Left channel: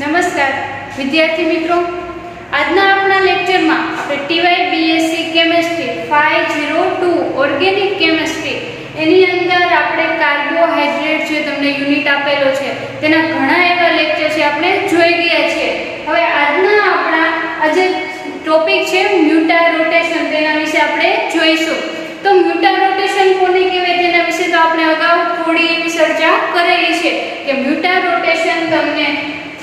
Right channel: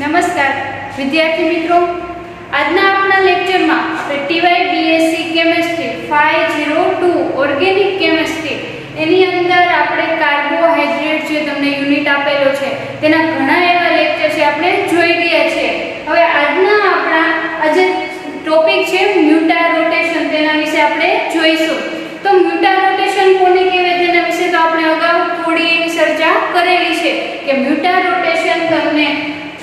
નમસ્કાર વિદ્યાર્થી મિત્રો, આજના આપણા લેક્ચરમાં આપણે ટીવાય બીએસસી કેમેસ્ટ્રી 502 ઓર્ગેનિક કેમેસ્ટ્રી એની અંદર આપણે કાર્બોહાઈડ્રેટ જે તમને યુનિટ આપેલો છે તેના ઘણા એવા લેક્ચર છે આપણે જોઈ ગયા છે. હવે આજના આપણા આજે ટોપિક છે મ્યુટા રોટેશન, તેના વિશે આપણે જોઈશું. તો મ્યુટા રોટેશન કોને કહેવાય તેના વિશે તો આપણે અગાઉ થોડી એવી ચર્ચા કરેલી છે કે મ્યુટા રોટેશન તમને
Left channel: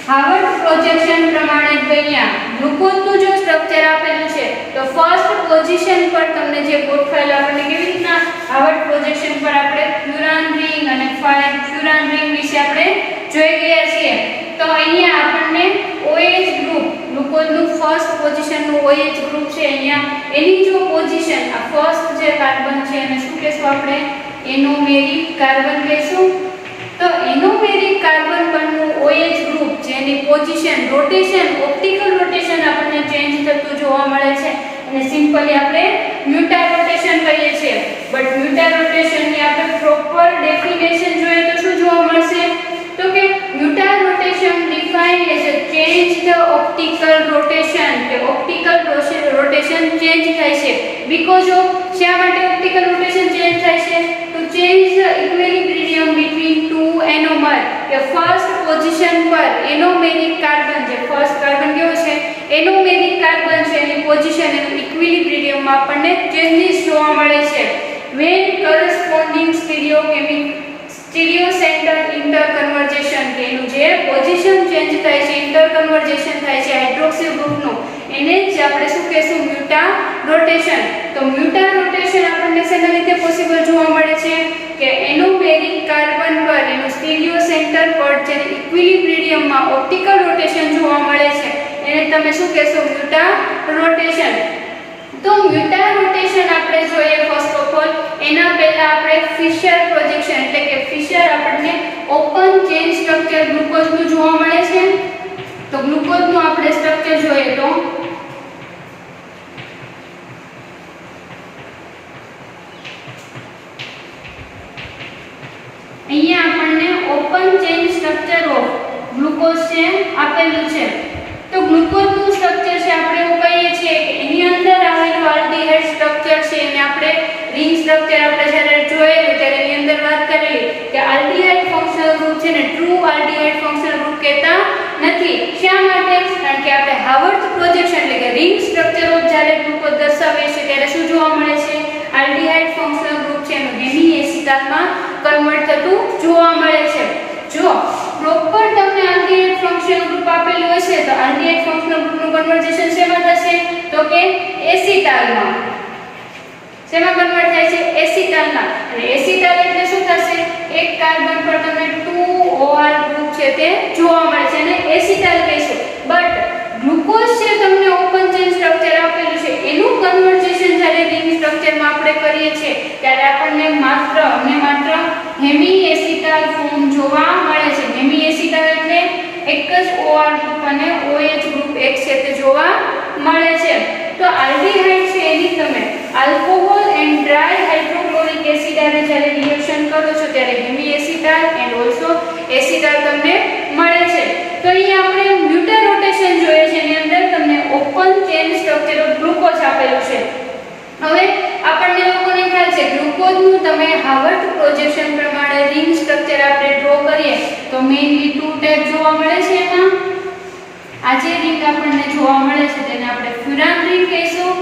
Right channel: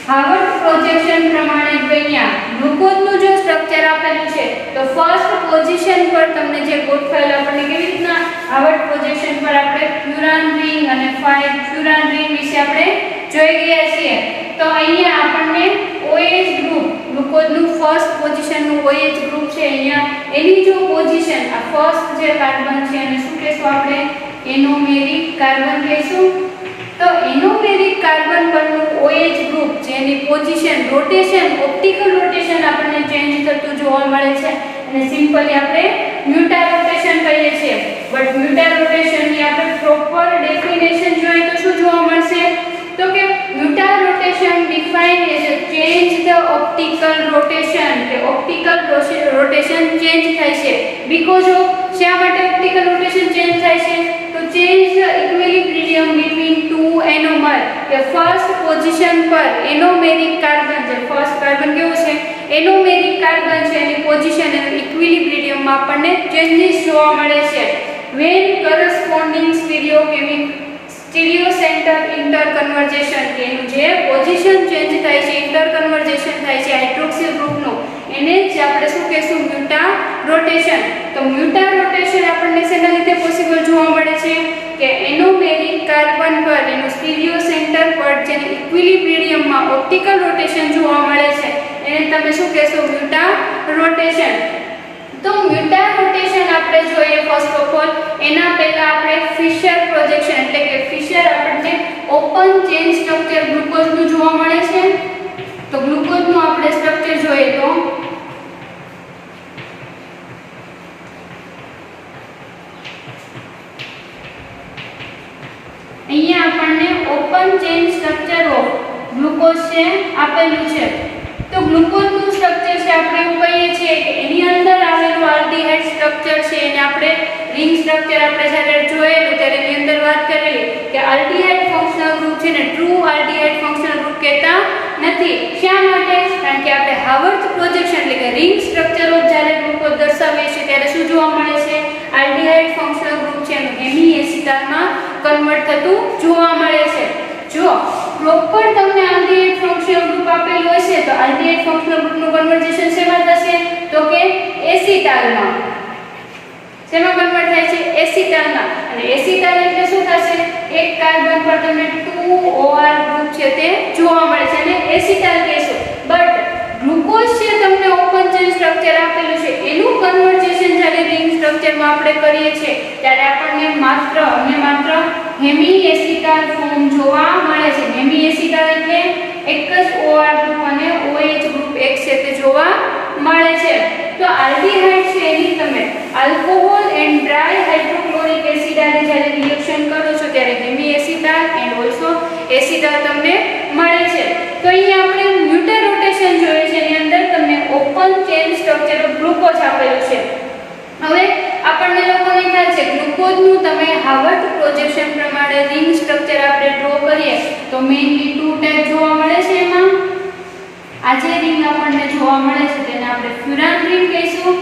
હાર્વર્ડ પ્રોજેક્શન પ્રમાણે અહીંયા ગ્લુકોઝનું જો સ્ટ્રક્ચર આપેલું છે તો ફર્સ્ટ પોઝિશન પર તમને જે ગોઠવાયેલું આપણને કેવી રીતના હાર્વર્ડ પ્રોજેક્શન પર આપણે ફ્યુરાન રિંગ અને ફ્યુરાન રિંગ વિશે આપણે જોઈ ગયા છીએ. તો અહીંયા આપણને OH ગ્રુપ, ગ્લુકોઝનું ફર્સ્ટ પોઝિશનનું OH ગ્રુપ છે, અહીંયા એની જો પોઝિશન આ ફર્સ્ટ જે કાર્બન છે એને શું કહેશું આપણે? એનોમેરિક કાર્બન કહેશું. તો એનોમેરિક કાર્બન પરનું OH ગ્રુપ જેની પોઝિશન રોટેશન, ઓપ્ટિકલ રોટેશન આપણને ચેન્જ થતું જોવા મળે છે અને સિમ્પલી આપણે મ્યુટા રોટેશન કહીએ છીએ. બટ મ્યુટા રોટેશનની આપણે પ્રોપર ડેફિનેશન જોઈએ તો શું જોવા મળશે? તો કે mutarotation defined as a change the optical rotation, કે ઓપ્ટિકલ રોટેશન ચેન્જ થાય છે. બીકોઝ ઓફ શા માટે ઓપ્ટિકલ રોટેશન ચેન્જ થાય છે? તો change the equilibrium between two anomer, કે ફર્સ્ટ પોઝિશન પર એનોમેરિક કાર્બન, જે ફર્સ્ટ કાર્બન કેવું છે? એનોમેરિક કાર્બન છે, એની પોઝિશન એનું ઇક્વિલિબ્રિયમમાં આપણને ચેન્જીસ જોવા મળે છે. વેન કરસ્પોન્ડિંગ સ્ટીરિયો સેન્ટર ઇન્ટરકન્વર્જેશન, એનું જે પોઝિશન ચેન્જ થાય છે, ઇન્ટરકન્વર્જેશન થાય છે હાઇડ્રોક્સી ગ્રુપનું, એને જ આપણે શું કહેશું? મ્યુટા રોટેશન. તો મ્યુટા રોટેશન આપણને શેના લીધે પોસિબલ જોવા મળે છે? કે એનોમેરિક કાર્બન પર એનું સ્ટીરિયો સેન્ટર પર જે ઇક્વિલિબ્રિયમમાં ઓપ્ટિકલ રોટેશન જોવા મળે છે એને તમે શું કહેશો? મ્યુટા રોટેશન. તો મ્યુટા રોટેશન આપણે જોઈએ ફર્સ્ટ ઓફ ઓલ એના પહેલા આપણે ફિશર પ્રોજેક્શન, એટલે કે ફિશર આપણને ઓપન ચેન સ્ટ્રક્ચર ગ્લુકોઝનું જોવા મળે છે. તો ગ્લુકોઝનું આપણે સ્ટ્રક્ચર જોઈએ તો અહીંયા આપણને open chain structure of glucose છે આપેલું છે. તો ગ્લુકોઝનું સ્ટ્રક્ચર છે આપણે એવું કહીએ છીએ કે એની અંદર આવેલું આલ્ડીહાઇડ સ્ટ્રક્ચર છે એને આપણે રિંગ સ્ટ્રક્ચર આપણે જ્યારે જોયેલું ત્યારે એની અંદર વાત કરેલી કે આલ્ડીહાઇડ ફંક્શનલ ગ્રુપ છે ને ટ્રુ આલ્ડીહાઇડ ફંક્શનલ ગ્રુપ કહેતા નથી. શા માટે? કારણ કે આપણે હાર્વર્ડ પ્રોજેક્શન એટલે કે રિંગ સ્ટ્રક્ચર ઓફ જ્યારે ગ્લુકોઝ દર્શાવીએ છીએ ત્યારે શું જોવા મળે છે? આલ્ડીહાઇડ ફંક્શનલ ગ્રુપ છે એનું હેમી એસિટાલમાં કન્વર્ટ થતું જોવા મળે છે. જો પ્રોપર તમને આલ્ડીહાઇડ ફંક્શનલ ગ્રુપ આપેલું હશે તો આલ્ડીહાઇડ ફંક્શનલ ગ્રુપનું કન્વર્જેશન શેમાં થશે? તો કે એસિટાલમાં. શેમાં કન્વર્ટ થાય છે? એસિટાલમાં. અને એસિટાલ એટલે શું થશે? એક કાર્બન પર તમને 2 OR ગ્રુપ છે તે જોવા મળે છે અને એસિટાલ કહેશું. બટ ગ્લુકોઝ છે તમને ઓપન ચેન સ્ટ્રક્ચર આપેલું છે એનું કન્વર્જેશન જ્યારે રિંગ સ્ટ્રક્ચરમાં આપણે કરીએ છીએ ત્યારે આપણને માત્ર હેમી એસિટાલ ફોર્મ જોવા મળે છે. હેમી એસિટાલ એટલે એક જ OR ગ્રુપ અને OH ગ્રુપ એક છે તે જોવા મળે છે. તો આલ્ડીહાઇડ છે એની તમે alcohol and dry hydrochloric acid આને જ્યારે રિએક્શન કરો છો ત્યારે hemi acetal and also acetal તમને મળે છે. તો અહીં આપણે મ્યુટા રોટેશન જોઈએ છે એની અંદર તમને open chain structure of glucose આપેલું છે. હવે આપણને લોકોને ખ્યાલ છે ગ્લુકોઝનું તમે હાર્વર્ડ પ્રોજેક્શન પ્રમાણે રિંગ સ્ટ્રક્ચર આપણે ડ્રો કરીએ તો મેઇનલી 2 ટાઈપ જોવા મળે છે. એમાં આ જે રિંગ આપણને જોવા મળે છે તેને આપણે ફ્યુરાન રિંગ કહીશું.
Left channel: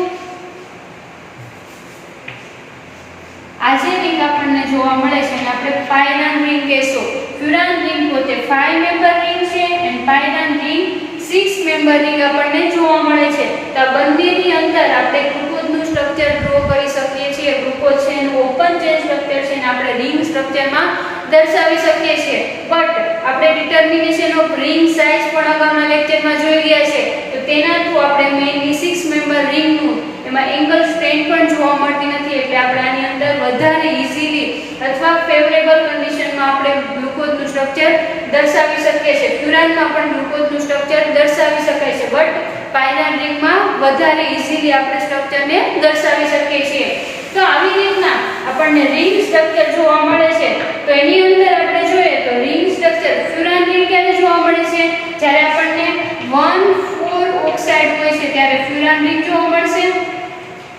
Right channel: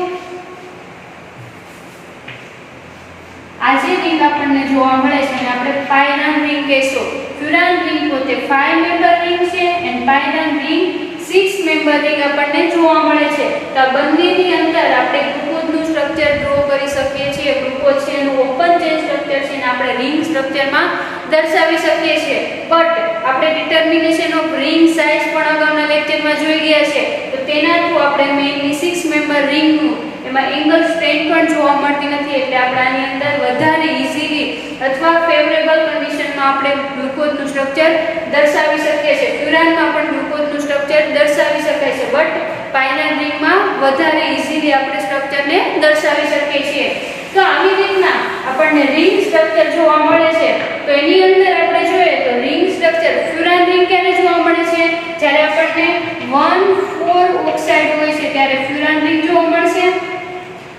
આ જે રિંગ આપણને જોવા મળે છે એને આપણે પાયરાન રિંગ કહીશું. ફ્યુરાન રિંગ પોતે 5 મેમ્બર રિંગ છે અને પાયરાન રિંગ 6 મેમ્બર રિંગ આપણને જોવા મળે છે. તો આ બંનેની અંદર આપણે ગ્લુકોઝનું સ્ટ્રક્ચર ડ્રો કરી શકીએ છીએ. ગ્લુકોઝ છે એનું ઓપન ચેન સ્ટ્રક્ચર છે અને આપણે રિંગ સ્ટ્રક્ચરમાં દર્શાવી શકીએ છીએ. બટ આપણે ડિટર્મિનેશન ઓફ રિંગ સાઇઝ પણ અગાઉના લેક્ચરમાં જોઈ ગયા છે. તો તેના થ્રુ આપણે મેઇનલી 6 મેમ્બર રિંગનું એમાં એંગલ સ્ટ્રેન્થ પણ જોવા મળતી નથી એટલે આપણે આની અંદર વધારે ઈઝીલી અથવા ફેવરેબલ કન્ડિશનમાં આપણે ગ્લુકોઝનું સ્ટ્રક્ચર દર્શાવી શકીએ છીએ. ફ્યુરાનમાં પણ ગ્લુકોઝનું સ્ટ્રક્ચર દર્શાવી શકાય છે બટ પાયરાન રિંગમાં વધારે ઈઝીલી આપણે સ્ટ્રક્ચરને દર્શાવી શકીએ છીએ. તો આવી રીતના આપણને રિંગ સ્ટ્રક્ચર જોવા મળે છે. તો એની અંદર આપણે જોઈએ તો રિંગ સ્ટ્રક્ચર ફ્યુરાન રિંગ ક્યારે જોવા મળે છે? જ્યારે આપણને 1,4 ઓક્સાઇડ હોય છે ત્યારે ફ્યુરાન રિંગ જોવા મળશે,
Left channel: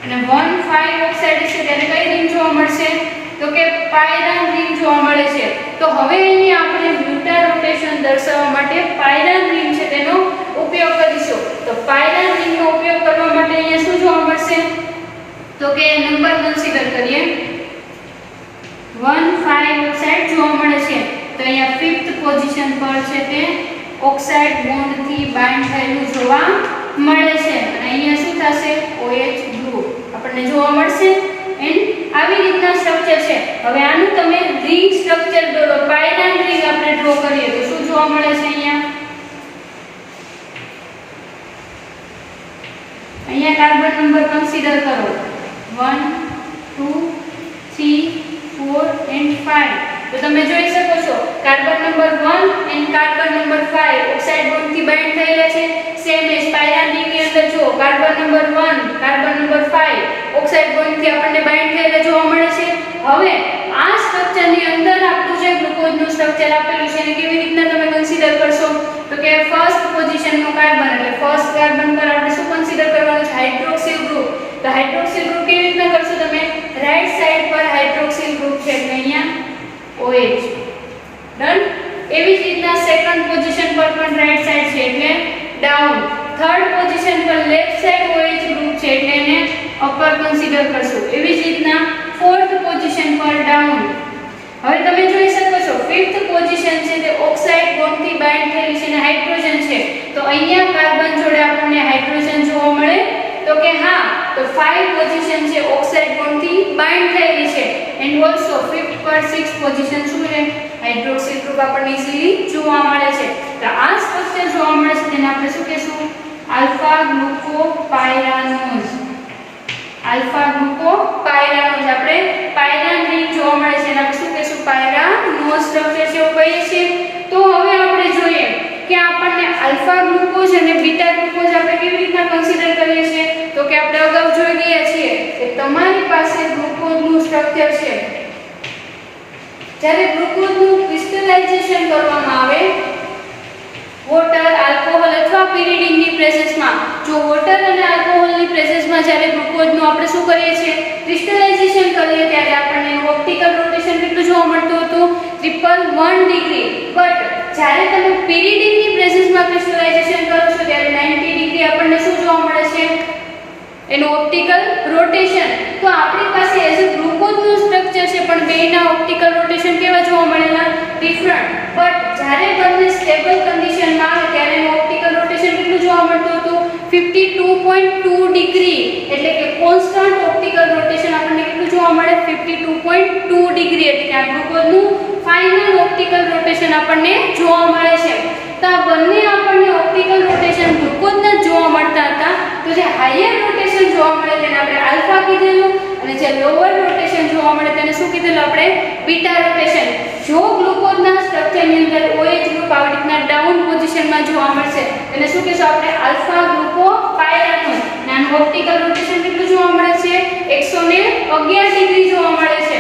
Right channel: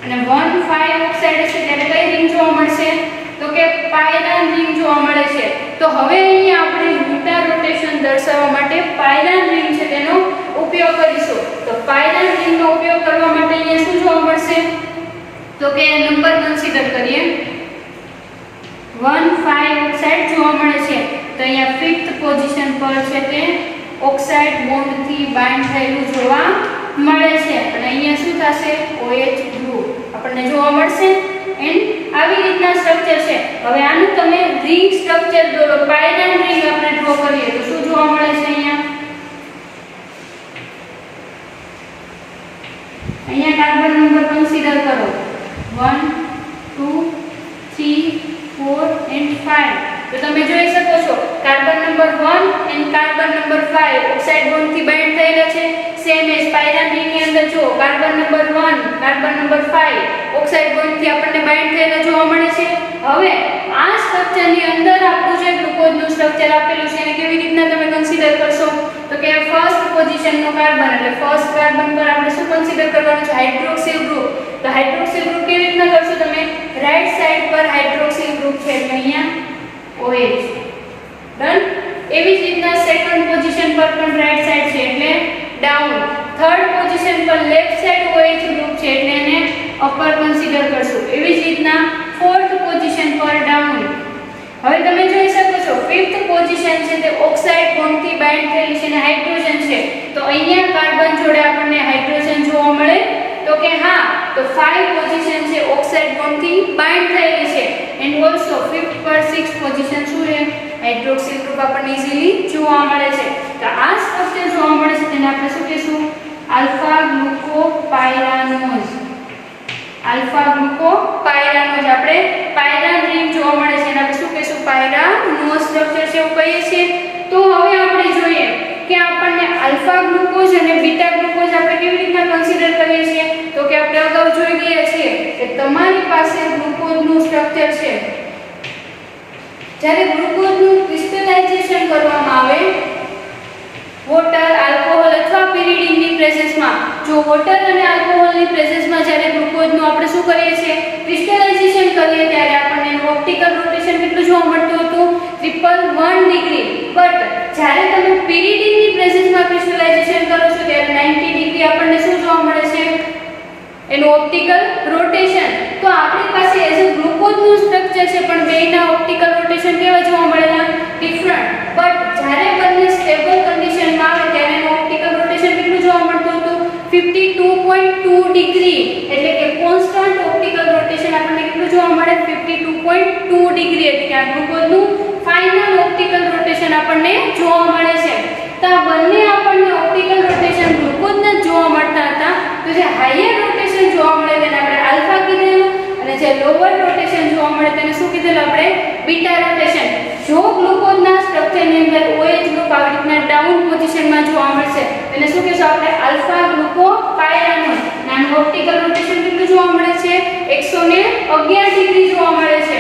અને 1,5 ઓક્સાઇડ હશે ત્યારે કઈ રિંગ જોવા મળશે? તો કે પાયરાન રિંગ જોવા મળે છે. તો હવે અહીં આપણે બીટા રોટેશન દર્શાવવા માટે પાયરાન રિંગ છે તેનો ઉપયોગ કરીશું. તો પાયરાન રિંગનો ઉપયોગ કરવા માટે અહીંયા શું જોવા મળશે? તો કે નંબર કન્સિડર કરીએ. 1,5 ઓક્સાઇડ જોવા મળે છે. તો અહીંયા 5th પોઝિશન પર છે તે ઓક્સાઇડ બોન્ડથી બાઇન્ડ થયેલું જોવા મળે છે, અને અહીંયા શું થશે? OH ગ્રુપ આપણને જોવા મળશે. એન્ડ આવી રીતના સ્ટ્રક્ચર છે. હવે આનું તમે રિંગ સ્ટ્રક્ચર દોરો, પાયરાન રિંગ આપણે ડ્રો કરીએ તો શું જોવા મળે છે? અહીંયા કાર્બન નંબર કન્સિડર કરો. 1, 2, 3, 4 એન્ડ 5. તો તમે જોઈ શકો છો carbon number 1 and carbon number 5 oxide બોન્ડથી બાઇન્ડ થયેલા છે. સેમ એજ પાયરાન રિંગની અંદર જો carbon number 1 carbon number 5 oxide બોન્ડથી આપણને બાઇન્ડ થયેલા જોવા મળે છે. હવે આ સ્ટ્રક્ચરની અંદર આપણું જે ગ્લુકોઝનું સ્ટ્રક્ચર આપેલું છે એને કેવી રીતના તમે કન્સિડર કરશો? તો કે ફર્સ્ટ પોઝિશનનો કાર્બન એટલે ફર્સ્ટ કાર્બન પર આપણે શું કન્સિડર કરવાનું છે? Hydroxyl group. તો હાઇડ્રોક્સિલ ગ્રુપ કેવી રીતના કરશો તમે? રાઈટ સાઈડ પર હાઇડ્રોક્સિલ ગ્રુપ છે એટલે અહીંયા OH. ડન. એવી જ રીતના સેકન્ડ પોઝિશન પર પણ રાઈટ સાઈડ છે એટલે ડાઉન. થર્ડ પોઝિશન પર લેફ્ટ સાઈડ OH ગ્રુપ છે એટલે એને અપર કન્સિડર કરશું. એવી જ રીતના ફોર્થ પોઝિશન પર ડાઉન. હવે તમે જોઈ શકો છો ફિફ્થ પોઝિશન છે તે ઓક્સાઇડ બોન્ડથી બાઇન્ડ થયેલી છે અને હાઇડ્રોજન છે. તો અહીંયા કાર્બન જોડે આપણને હાઇડ્રોજન જોવા મળે? તો કે હા. તો 5 પોઝિશન છે ઓક્સાઇડ બોન્ડથી બાઇન્ડ થયેલી છે. એન્ડ ઓલસો 5th પર 6th પોઝિશન શું છે? હાઇડ્રોક્સિલ ગ્રુપ આપણને ઇઝીલી જોવા મળે છે. તો આ સ્ટ્રક્ચર જોવા મળે છે તેને આપણે શું કહેશું? આલ્ફા ગ્લુકોપાયરાનોઝ. આલ્ફા ગ્લુકોપાયરાનોઝ આપણે પાયરાન રિંગ જોવા મળે છે એને આપણે શું કહેશું? પાયરાનોઝ સ્ટ્રક્ચર છે એવું કહીએ છીએ. તો હવે આપણે જોઈએ કે આપણને આલ્ફા ગ્લુકોઝ અને બીટા ગ્લુકોઝ આપણે કેવી રીતના કન્સિડર કરીએ છીએ? તો કે આપણે અગાઉ જોઈ ગયા છીએ કે તમારી પાસે ગ્લુકોઝનું સ્ટ્રક્ચર છે. જ્યારે ગ્લુકોઝનું ક્રિસ્ટલાઇઝેશન કરવામાં આવે વોટર, આલ્કોહોલ અથવા પિરિડિનની પ્રેઝન્સમાં, જો વોટર અને આલ્કોહોલની પ્રેઝન્સમાં જ્યારે ગ્લુકોઝનું આપણે શું કરીએ છીએ? ક્રિસ્ટલાઇઝેશન કરીએ ત્યારે આપણને ઓપ્ટિકલ રોટેશન કેટલું જોવા મળતું હતું? 111 ડિગ્રી. બટ જ્યારે તમે પિરિડિનની પ્રેઝન્સમાં ક્રિસ્ટલાઇઝેશન કરો છો ત્યારે 90 ડિગ્રી આપણને શું જોવા મળે છે? એનું ઓપ્ટિકલ રોટેશન. તો આપણી પાસે એઝ અ ગ્લુકોઝનું સ્ટ્રક્ચર છે પણ બેયના ઓપ્ટિકલ રોટેશન કેવા જોવા મળેલા? ડિફરન્ટ. બટ જ્યારે બંને સ્ટેબલ કન્ડિશનમાં આવે ત્યારે એનું ઓપ્ટિકલ રોટેશન કેટલું જોવા મળતું હતું? 52.2 ડિગ્રી. એટલે કે કોન્સ્ટન્ટ ઓપ્ટિકલ રોટેશન આપણને કેટલું જોવા મળે? 52.2 ડિગ્રી. એટલે કે આ ગ્લુકોઝનું ફાઇનલ ઓપ્ટિકલ રોટેશન આપણને જોવા મળે છે. તો આ બંને આપણને ઓપ્ટિકલ રોટેશન ગ્લુકોઝના જોવા મળતા હતા. તો જે હાયર રોટેશન જોવા મળે તેને આપણે આલ્ફા કીધેલું, અને જે લોઅર રોટેશન જોવા મળે તેને શું કીધેલું આપણે? Beta rotation. જો ગ્લુકોઝના સ્ટ્રક્ચરની અંદર OH ગ્રુપ આવી રીતના ડાઉન પોઝિશનમાં જોવા મળશે તેને શું કહેશું આપણે? આલ્ફા ગ્લુકોપાયરાનોઝ. નાનું ઓપ્ટિકલ રોટેશન કેટલું જોવા મળે છે? 111 ડિગ્રી જોવા મળે છે.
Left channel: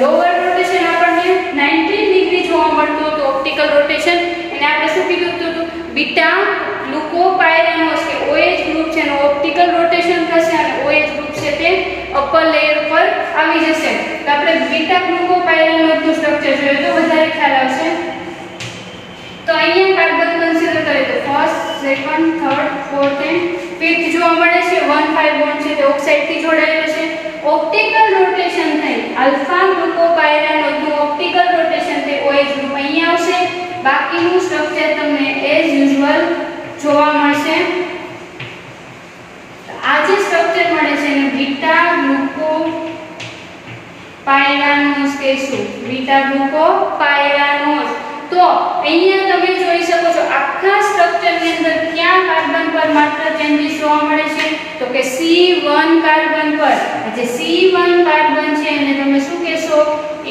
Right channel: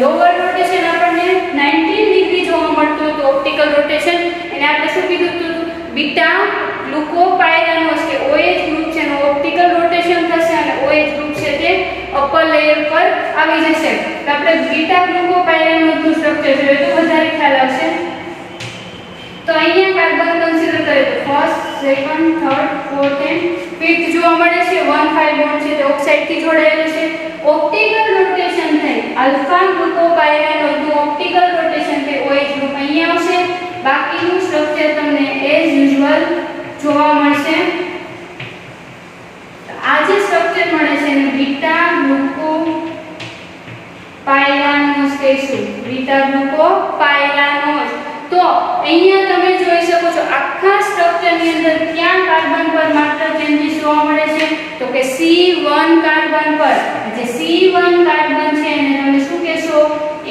લોઅર રોટેશન આપણને 19 ડિગ્રી જોવા મળતું હતું ઓપ્ટિકલ રોટેશન, અને આપણે શું કીધું હતું? બીટા ગ્લુકોપાયરાનોઝ કે OH ગ્રુપ છે એનું ઓપ્ટિકલ રોટેશન થશે અને OH ગ્રુપ છે તે અપર લેયર પર આવી જશે. તો આપણે બીટા ગ્લુકોપાયરાનોઝનું સ્ટ્રક્ચર જોઈએ તો વધારે ખ્યાલ આવશે. તો અહીંયા કાર્બન કન્સિડર કરીએ તો first, second, third, fourth and fifth જોવા મળે છે. 1,5 બોન્ડ છે તે ઓક્સાઇડથી જોડાયેલું છે. ઓપ્ટિકલ રોટેશન થઈ આલ્ફા ગ્લુકોપાયરાનોઝનું ઓપ્ટિકલ રોટેશન થઈ OH ગ્રુપ અહીંયા આવશે. બાકીનું સ્ટ્રક્ચર તમને એઝ યુઝ્યુઅલ જોવા મળશે. આ જે સ્ટ્રક્ચર મળે છે એને બીટા ગ્લુકોપાયરાનોઝ કહીશું. બીટા ગ્લુકોપાયરાનોઝ. તો અહીંયા તમે જોઈ શકો છો આખા સ્ટ્રક્ચરની અંદર ક્યાં કાર્બન પર માત્ર ચેન્જીસ જોવા મળે છે? તો કે C1 કાર્બન પર. જે C1 કાર્બન છે એને તમે શું કહેશો?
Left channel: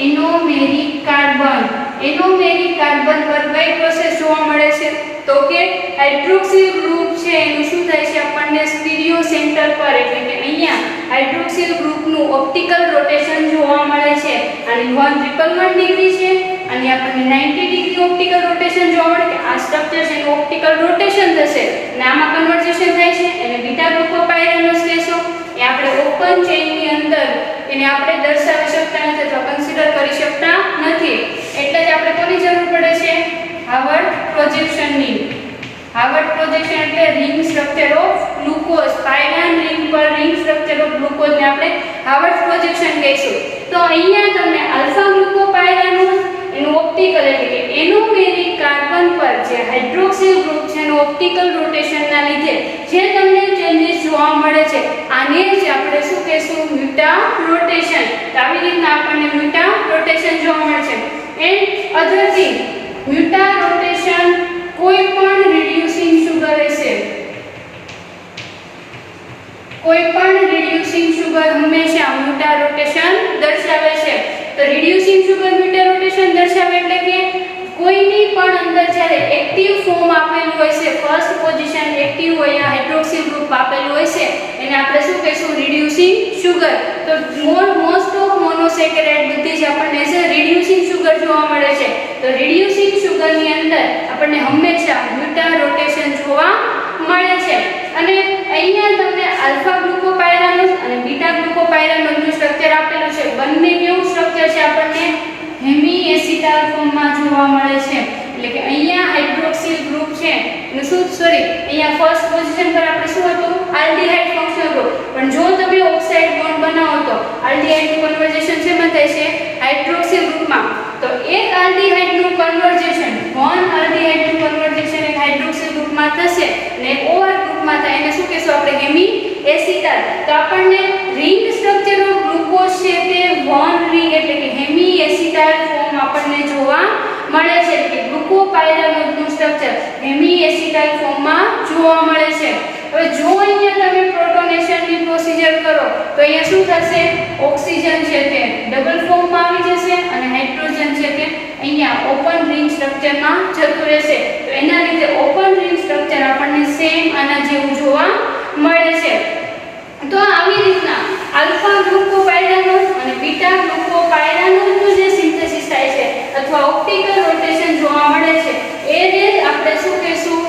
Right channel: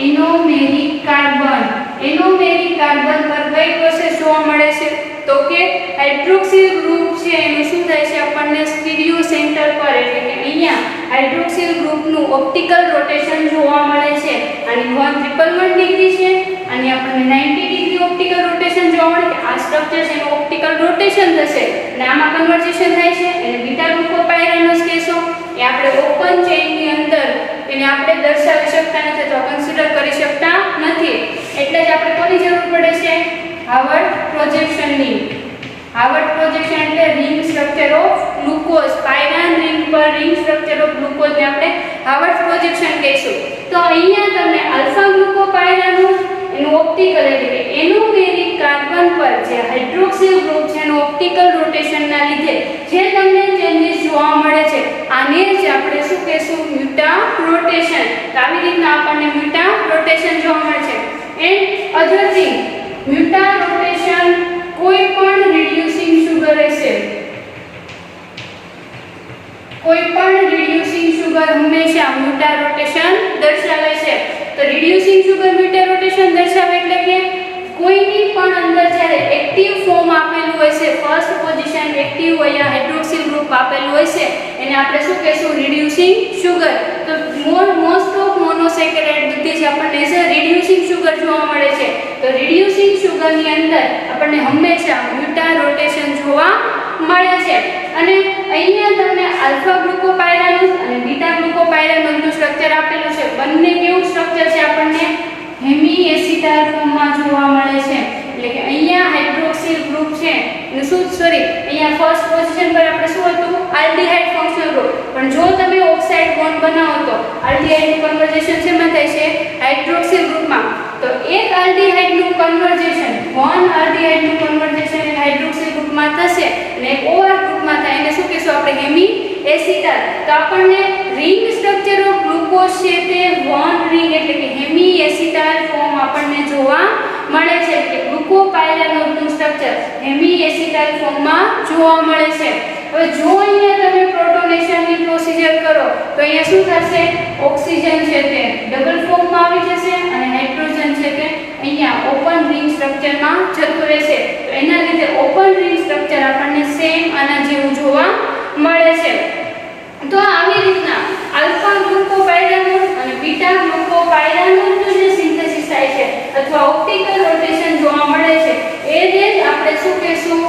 એનોમેરિક કાર્બન. એનોમેરિક કાર્બન પર કઈ પ્રોસેસ જોવા મળે છે? તો કે હાઇડ્રોક્સિલ ગ્રુપ છે એનું શું થાય છે? આપણને સ્ટીરિયો સેન્ટર પર એટલે કે અહીંયા હાઇડ્રોક્સિલ ગ્રુપનું ઓપ્ટિકલ રોટેશન જોવા મળે છે. આની 111 ડિગ્રી છે અને આપણને 90 ડિગ્રી ઓપ્ટિકલ રોટેશન જોવા મળે કે આ સ્ટ્રક્ચર છે એનું ઓપ્ટિકલ રોટેશન થશે અને આમાં કન્વર્જેશન થાય છે એને બીટા ગ્લુકોપાયરાનસ કહેશો. એ આપણે ઓપન ચેઇનની અંદર એને આપણે દર્શાવી શકતા નથી અથવા કન્સિડર કરી શકતા નથી. એટલે જ આપણે કોની જરૂર પડે છે? હાર્વર્ડ પ્રોજેક્શનની. હાર્વર્ડ પ્રોજેક્શન એટલે ring structure of glucose, pyran ring પર રિંગ સ્ટ્રક્ચર ઓફ ગ્લુકોઝ ને આપણે હાર્વર્ડ પ્રોજેક્શન કહીશું. તો અહીંયા તમને આલ્ફા ગ્લુકોપાયરાનસ એનું ઓપ્ટિકલ એટલે કે એનોમેરિક કાર્બન પર જે હાઇડ્રોક્સિલ ગ્રુપ છે એનું ઓપ્ટિકલ રોટેશનના લીધે જે તમને ચેન્જીસ જોવા મળે છે આને જ આપણે શું કહેશું? મ્યુટા રોટેશન. તો આવી રીતના આપણને મ્યુટા રોટેશન જોવા મળે છે. એન્ડ અધર થિંગ, મ્યુટા રોટેશન કોઈ પણ રિડ્યુસિંગ સુગર હશે, કોઈ પણ રિડ્યુસિંગ સુગર હંમેશા મ્યુટા રોટેશન દર્શાવે છે. તો રિડ્યુસિંગ સુગર મ્યુટા રોટેશન દર્શાવે એટલે કે કોઈની પણ અંદર જ્યારે એક્ટિવ ફોર્મ આપેલું હોય છે, ફર્સ્ટ પોઝિશન એક્ટિવ હોય હાઇડ્રોક્સિલ ગ્રુપ આપેલું હોય છે એને આપણે શું કહીશું? Reducing sugar. તો મોસ્ટ ઓફ મોનોસેકેરાઇડ બધી જ આપણને છે રિડ્યુસિંગ સુગર જોવા મળે છે. તો રિડ્યુસિંગ સુગરની અંદર આપણને હંમેશા મ્યુટા રોટેશન જોવા મળે છે. અને અહીંયા તમને આલ્ફા ગ્લુકોપાયરાનસ અને બીટા ગ્લુકોપાયરાનસનું સ્ટ્રક્ચર આપેલું છે. બંને કેવું સ્ટ્રક્ચર છે? આપણને હેમી એસિટાઇલ ફોર્મમાં જોવા મળે છે. એટલે કે અહીંયા હાઇડ્રોક્સિલ ગ્રુપ છે એનું શું અહીંયા ફર્સ્ટ પોઝિશન પર આપણે શું હતું? Aldehyde functional group. પણ જો તમે ઓક્સાઇડ બોન્ડ બનાવો તો આલ્ડીહાઇડનું કન્વર્જેશન શેમાં થાય છે? હાઇડ્રોક્સિલ ગ્રુપમાં. તો એક આલ્ડીહાઇડનું કન્વર્જેશન, વન આલ્ડીહાઇડનું કન્વર્જેશન એક હાઇડ્રોક્સિલ ગ્રુપમાં થશે અને એક OR ગ્રુપમાં થાય એને શું કહેશું આપણે? Hemi acetyl. તો આપણને રિંગ સ્ટ્રક્ચર ઓફ ગ્લુકોઝ છે તે વન રિંગ એટલે કે હેમી એસિટાઇલ ફોર્મ આપણને જોવા મળે છે. કે ગ્લુકોપાયરાનસનું સ્ટ્રક્ચર હેમી એસિટાઇલ ફોર્મમાં જોવા મળે છે. હવે જો અહીંયા તમે પ્રોટોનેશનની પ્રોસિજર કરો તો અહીંયા શું થશે? ઓક્સિજન છે તે ડબલ ફોર્મમાં આવી જશે અને હાઇડ્રોજન છે તે અહીંયા ઓપન રિંગ સ્ટ્રક્ચરમાં જતું રહેશે. તો એના લીધે ઓપન રિંગ સ્ટ્રક્ચર આપણને સેમ આના જેવું જોવા મળે છે. તો આવી રીતના આલ્ફા ગ્લુકોપાયરાનસ અને બીટા ગ્લુકોપાયરાનસનું જે સિન્થેસિસ થાય છે અથવા ઓપ્ટિકલ રોટેશન જોવા મળે છે એને જ આપણે શું કહેશું?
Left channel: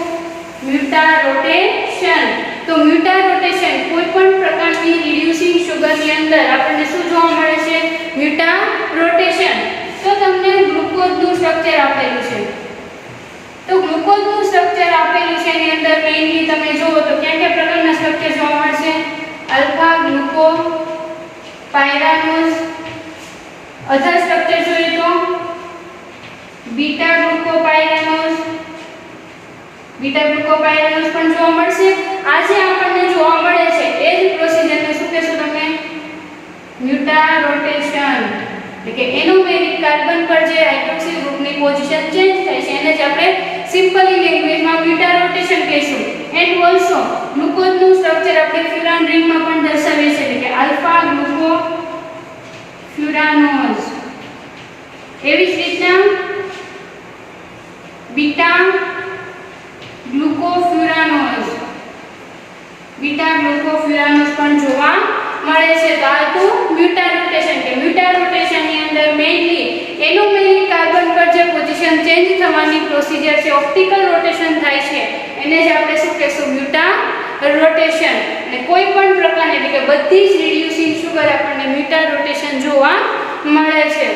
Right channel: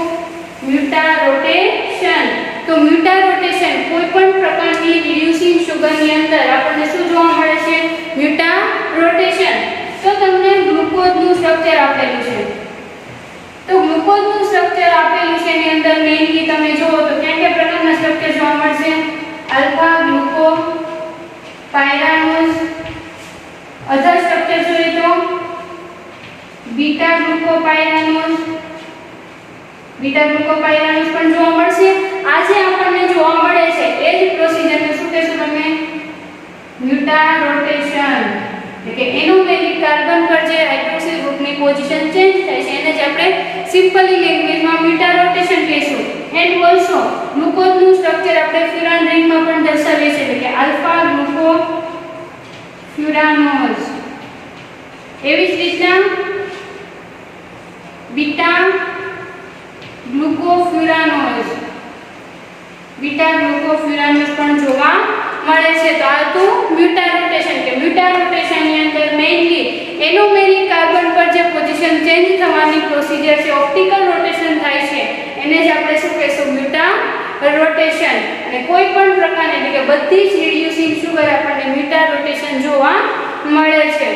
મ્યુટા રોટેશન. તો મ્યુટા રોટેશન કોઈ પણ પ્રકારની રિડ્યુસિંગ સુગરની અંદર આપણને શું જોવા મળે છે? મ્યુટા રોટેશન. તો તમને ગ્લુકોઝનું સ્ટ્રક્ચર આપેલું છે. તો ગ્લુકોઝનું સ્ટ્રક્ચર આપેલું છે એની અંદર મેઇનલી તમે જુઓ તો કયા પ્રકારના સ્ટ્રક્ચર જોવા મળશે? આલ્ફા ગ્લુકોપાયરાનસ. અધર સ્ટ્રક્ચર જોઈએ તો બીટા ગ્લુકોપાયરાનસ. બીટા ગ્લુકોપાયરાનસ પણ જોવા મળશે. આ જે આપણને જોવા મળે છે એ જ પ્રોસિજરને શું કહેશું તમે? મ્યુટા રોટેશન. એટલે કે એનોમેરિક કાર્બન પર જે હાઇડ્રોક્સિલ ગ્રુપની પોઝિશન ચેન્જ થાય છે એને જ આપણે સિમ્પલી લેંગ્વેજમાં મ્યુટા રોટેશન કહીશું. એન્ડ ઓલસો ગ્લુકોઝનું સ્ટ્રક્ચર આપણે ફ્યુરાન રિંગમાં પણ દર્શાવીએ છીએ એટલે કે આલ્ફા ગ્લુકોફ્યુરાનોઝ. એવી જ રીતના બીટા ગ્લુકોફ્યુરાનોઝ, બીટા ગ્લુકોફ્યુરાનોઝ પણ જોવા મળે છે. તો આ તો મ્યુટા રોટેશન કે મ્યુટા રોટેશનની અંદર મેઇનલી એનોમેરિક કાર્બન પર જે પોઝિશન ચેન્જ થવાની પ્રોસિજર છે ઓપ્ટિકલ રોટેશન થાય છે એને જ આપણે શું કહેશું? મ્યુટા રોટેશન. અને કોઈ પણ પ્રકારની એટલે કે બધી જ રિડ્યુસિંગ સુગર આપણને મ્યુટા રોટેશન જોવા મળે છે.